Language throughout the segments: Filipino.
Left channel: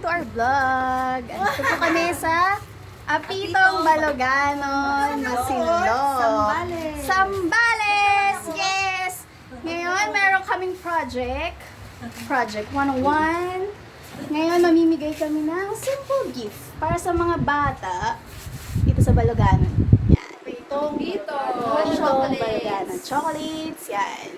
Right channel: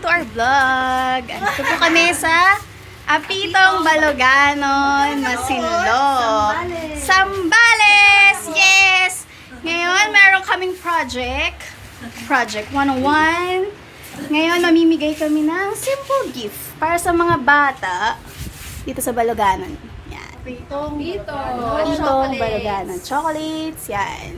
to our vlog. Ito po kami sa Apitong Baloganon, Masinloc. Sambales! Yes! Ngayon, meron kaming project. Project 101. Ngayon, mamimigay kami ng simple gift para sa mga bata dito sa Baloganon. Yan. Apitong Baloganon. Chocolates. Yan.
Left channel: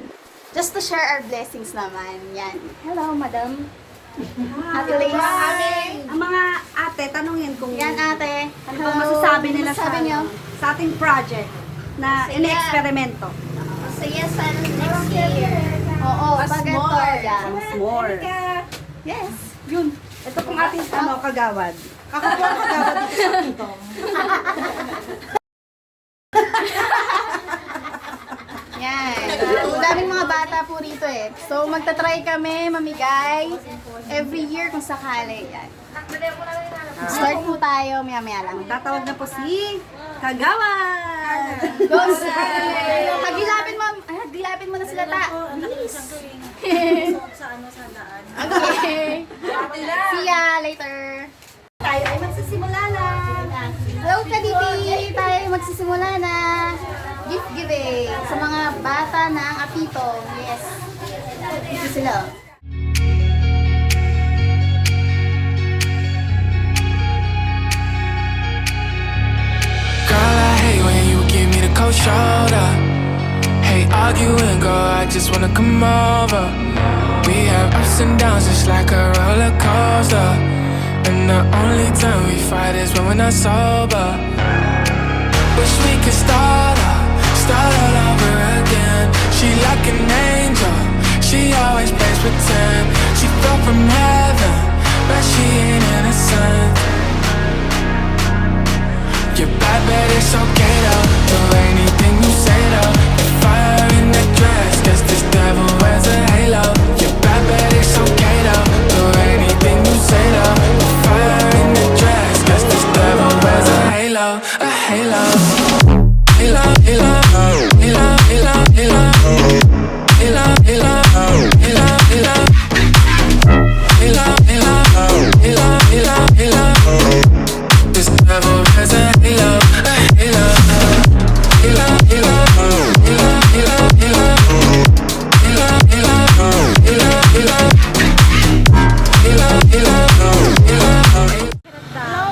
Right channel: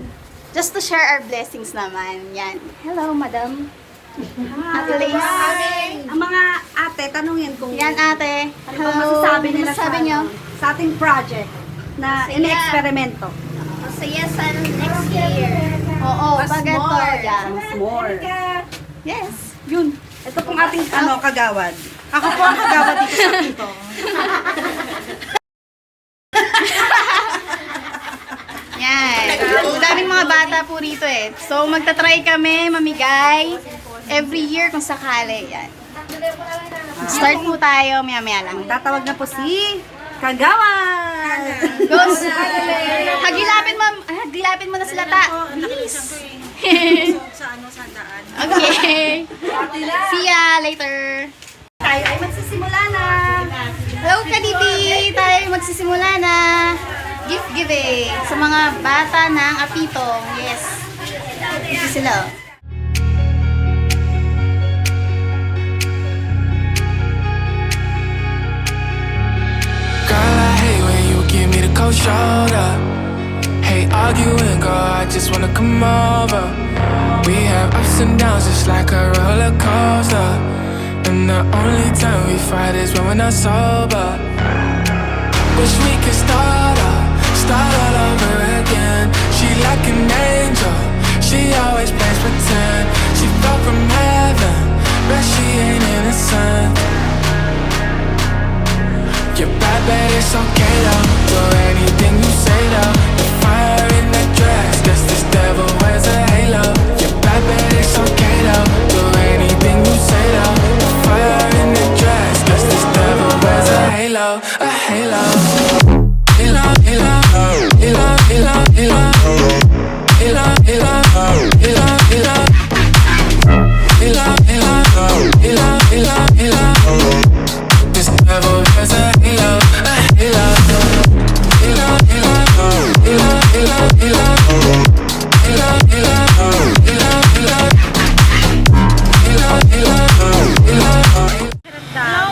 Just to share our blessings naman. Yan. Hello, madam. Ate Lace. Ang mga ate, tanungin kung Yan, ate. ano bang masasabi nila Sabi niyo? sa ating project na Masaya. in-eksperimento. Masaya sana next year. Oo, pag-atorya. Mas more. Yes. Yun. Ito pong ating kagawad. Ako po ang kagawad dito sa Pito. Yan. Ang daming mga bata po rito eh. So, magta-try kami mamigay every year kung sakali. Yan. Start po tayo, maya-maya lang. Tatawag na po si Kagawad. Goes. Hagilapin mo na sila ta. Please. Sa sandaan. Okay. See ya later. Tayo ay magsisimula na. Hello, Kaditi! Tayo magsisimula na. Gift giving sa mga bata ng Apitong. Yes. Ito sila. Girl, I hate when you give me the cold shoulder. Hate arguing, girl, I just wanna come over. We have ups and downs just like a roller coaster. And the only time we fight is when we're not sober. Wish we could start all over again. She like an angel, she always plays pretend. She fell from heaven, but she ain't innocent. You're bad, but it's okay though. Do anything you say though. The fire in the dress, guess this devil wears a halo. You're bad, but it's okay though. Do anything you say though. The fire in the dress, guess this devil wears a halo, a halo. Halo, halo, halo, halo, halo, halo, halo, halo, halo, halo, halo, halo, halo. This devil wears a halo, a halo. Halo, halo, halo, halo, halo. Halo, halo, halo, halo. Halo, halo, halo.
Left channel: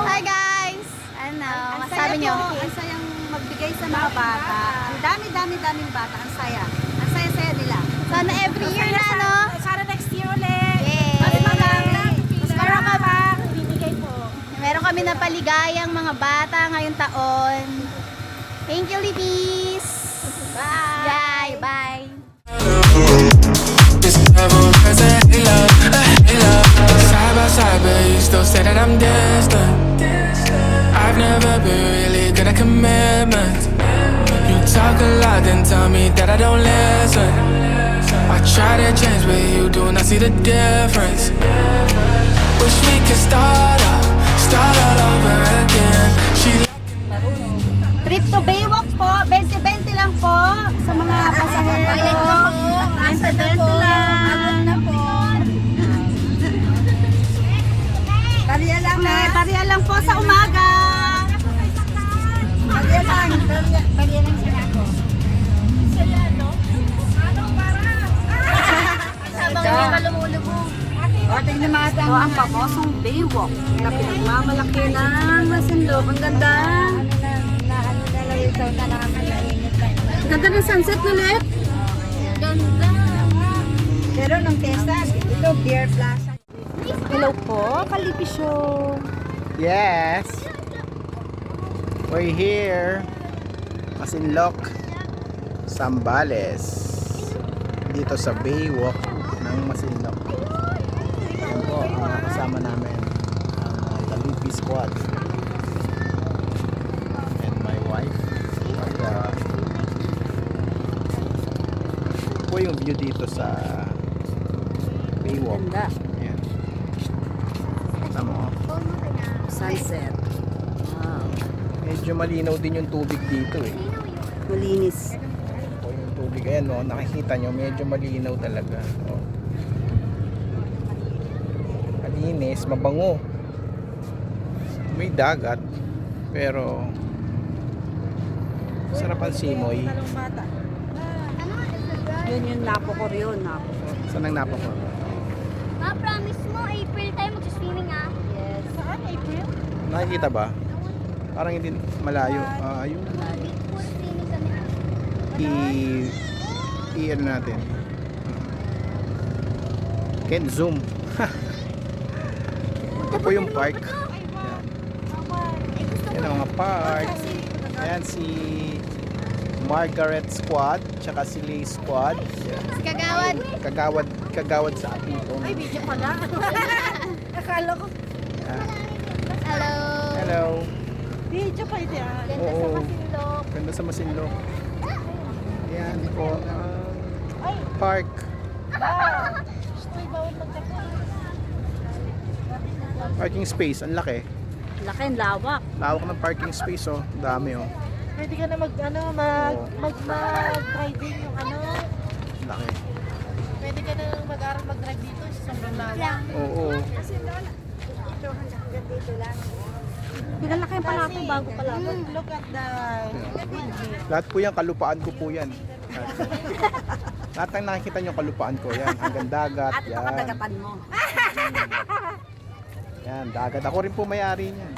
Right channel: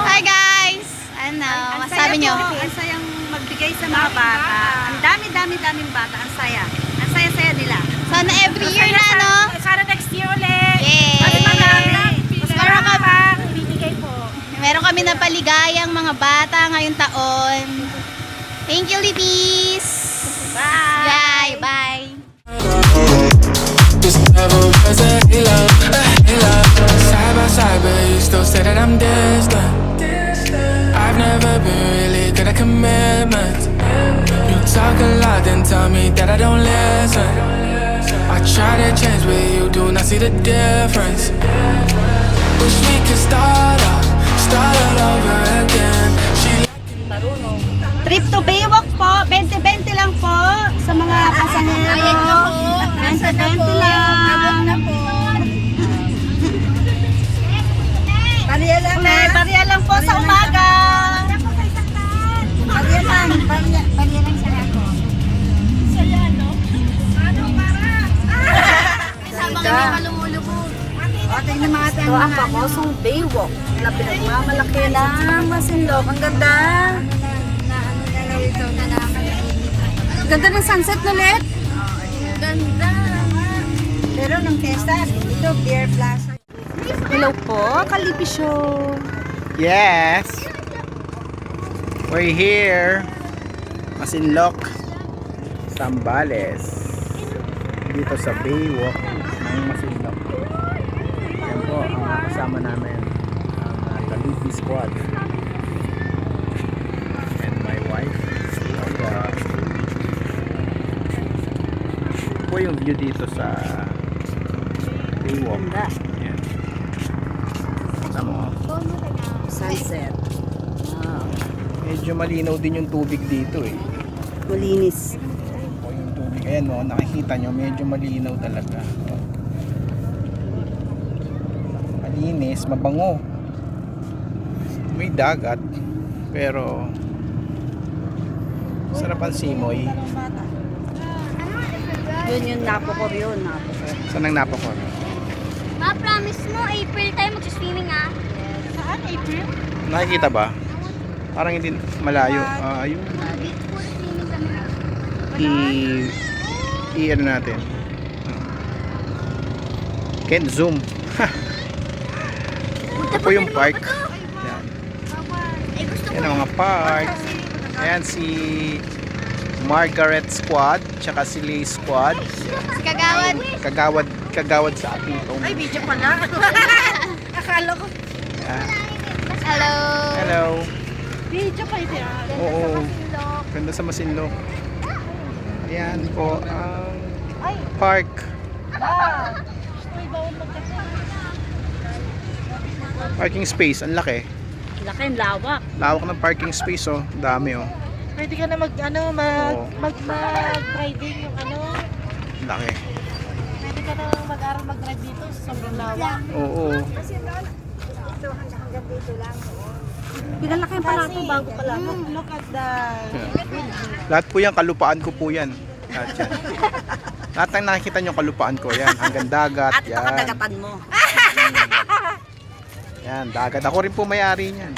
Hi guys! Ano, masabi nyo? Ang sayang magbigay sa mga bata. Ang daming bata. Ang saya. Ang saya-saya nila. Sana every year na, no? Sana next year ulit. Yay! Mas marami. Mas marami pa. Binigay po. Meron kami na paligayang mga bata ngayong taon. Thank you, Litis! Bye! Bye! Bye! This devil wears a halo, a halo. Side by side, but you still say that I'm distant. I've never been really good at commitment. You talk a lot, then tell me that I don't listen. I try to change, but you do not see the difference. Wish we could start all over again. She Trip to Baywalk po, 20-20 lang po sa mga kasama ko. Bayad na po. 20-20 lang. Bariya lang. Bariya lang po sa umaga. Bariya lang. Bariya lang siya. Saya, no? Habang may malumulubo. Ito ang pamosong Baywalk na pinagmamalaki ng Masinloc. Ang ganda. Ganda ng sunset ulit. Ganda! Pero ng Testa, ito Beer Plaza. Hello po, Kalipi Show. Yes. We're here. Masinloc, Sambales. Dito sa Baywalk ng Masinloc. Yan po ang kasama namin. Ang Kalipi Squad. And my wife. Po yung view dito sa Baywalk. Ganda. Yan. Tama mo. Sunset. Wow. Medyo malinaw din yung tubig dito eh. Malinis. O yung tubig, ayan no, nakikita nyo, medyo malinaw talaga. O. Malinis. malinis, mabango. May dagat, pero sarap ang simoy. Yun yung napokor yun, napokor. Saan ang napakon? Ma, promise mo, April tayo mag-swimming ah. Yes. Saan, April? Nakikita ba? Parang hindi malayo. Ayun. Puro swimming kami. Ano natin? Can't zoom. Ito po yung park. Yan. Eh, gusto Yan ang mga park. Ayan si Margaret Squad, tsaka si Lee Squad. Si Kagawad. Kagawad sa Apitong. Ay, video pala. Akala ko. Ah, Hello. hello. Video pa ito yan. Oo. Ganda sa Masinloc. Ayan po ang park. Parking space, ang laki. Laki, ang lawak. Lawak ng parking space, oh. Dami, oh. Pwede ka na Oo. mag-riding yung Laki. pwede ka na mag-aral mag-drive dito sa sobrang lawak. Oo. Pinalaki pa natin bago pala. Look at the... Lahat po yan, kalupaan ko po yan. Lahat yan. Lahat ng nakikita nyo, kalupaan ko yan. Hanggang dagat, At ito yan. kadagatan mo. Yan, dagat. Ako rin po may-ari niyan.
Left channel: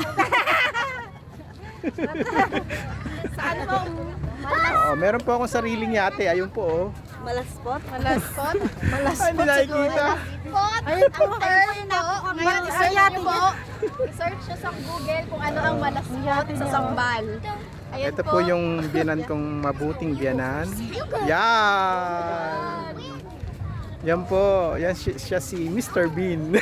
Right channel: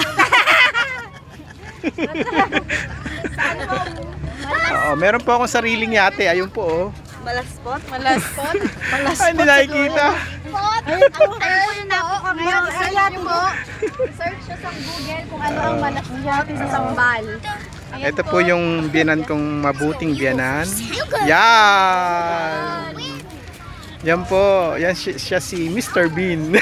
Oo, meron po akong sariling yate. Ayun po, oh. Malaspot? Malaspot. Ay, hindi nakikita. Pot. Ayun po. Ayun po. Ngayon, search Ayun nyo po. Search siya sa Google kung ano ang malaspot sa sambal. Ayan Ito po yung biyanan kong mabuting biyanan. Yan! Yan po. Yan siya si Mr. Bean.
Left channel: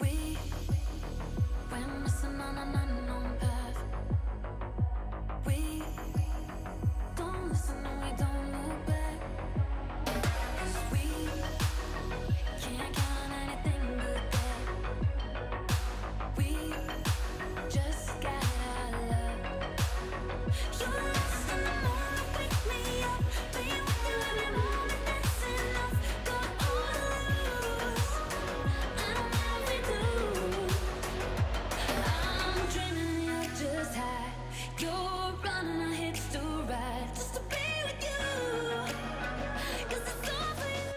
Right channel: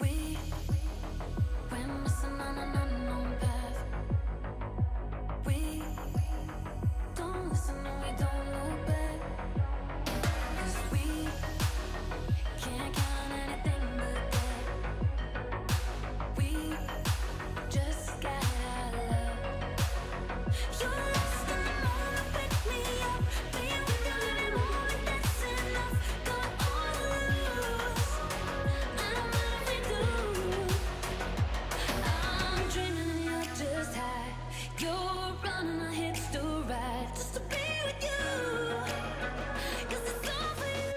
We went missing on an unknown path. We don't listen and we don't look back. 'Cause we can't count on anything but that. We just got our love. You're lost in the moment, pick me up. Being with you every moment, that's enough. Got all to lose. I don't mind if we do. I'm dreaming you're just high. You're running our hips to ride just to be with you. 'Cause it's all for you.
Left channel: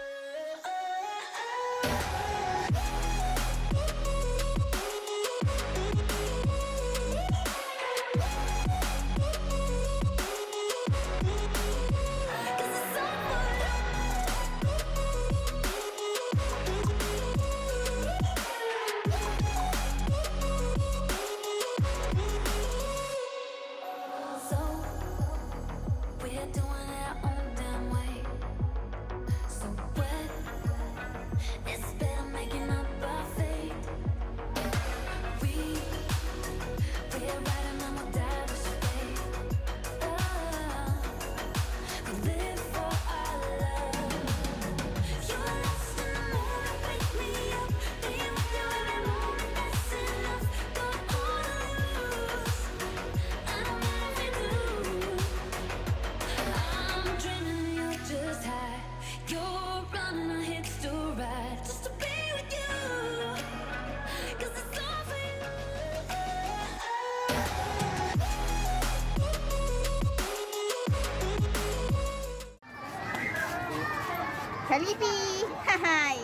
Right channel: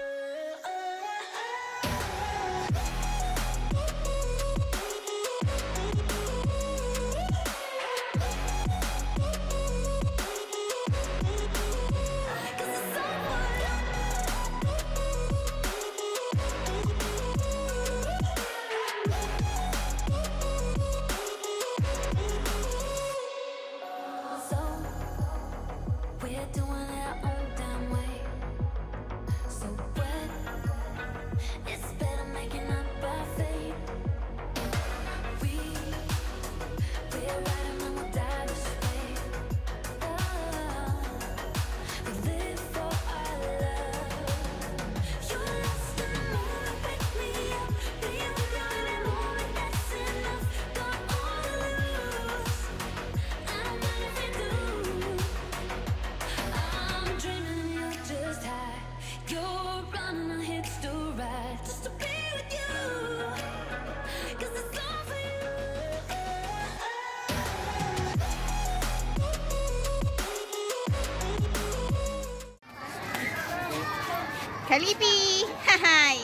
Cause it's all for you. So we're doing it our own damn way. So what? It's better making up our fate. We're riding and we'll die this way. Oh, we live for our love. You're lost in the moment, pick me up. Being with you every moment, that's enough. Got all to lose. I don't mind if we do. I'm dreaming you're just high. You're running our hips to ride just to be with you. 'Cause it's all for you. Kalipi! Hi!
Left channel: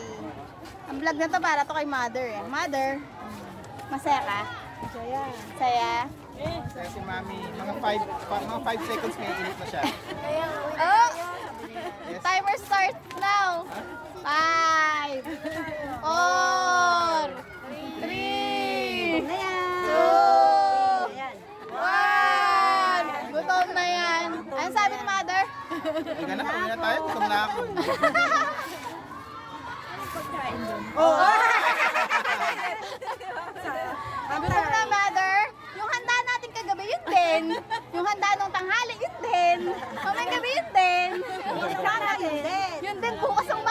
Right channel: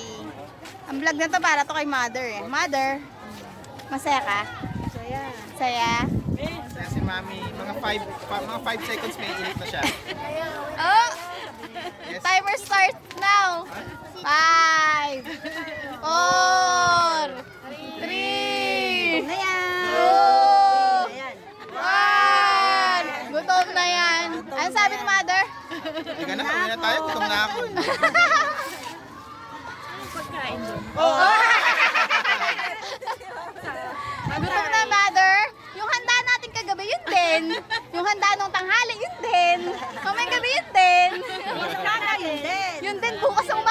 Ang vlog na to para to kay mother eh. Mother, masaya ka? Masaya. Saya? Si Mami, mga 5 seconds may init na siya. Oh! Yes. Timer starts now. 5, 4, 3, 2, 1. Gutom na yan. Ano sabi ng mother? Hindi ka na, kami na tayo. Gutom na ako. Gutom na, mother. Yung handa natin kagabi, yun din. Yung handa nung tanghali, yun din. Kamay gabi, yun din. Yun din, bukas ang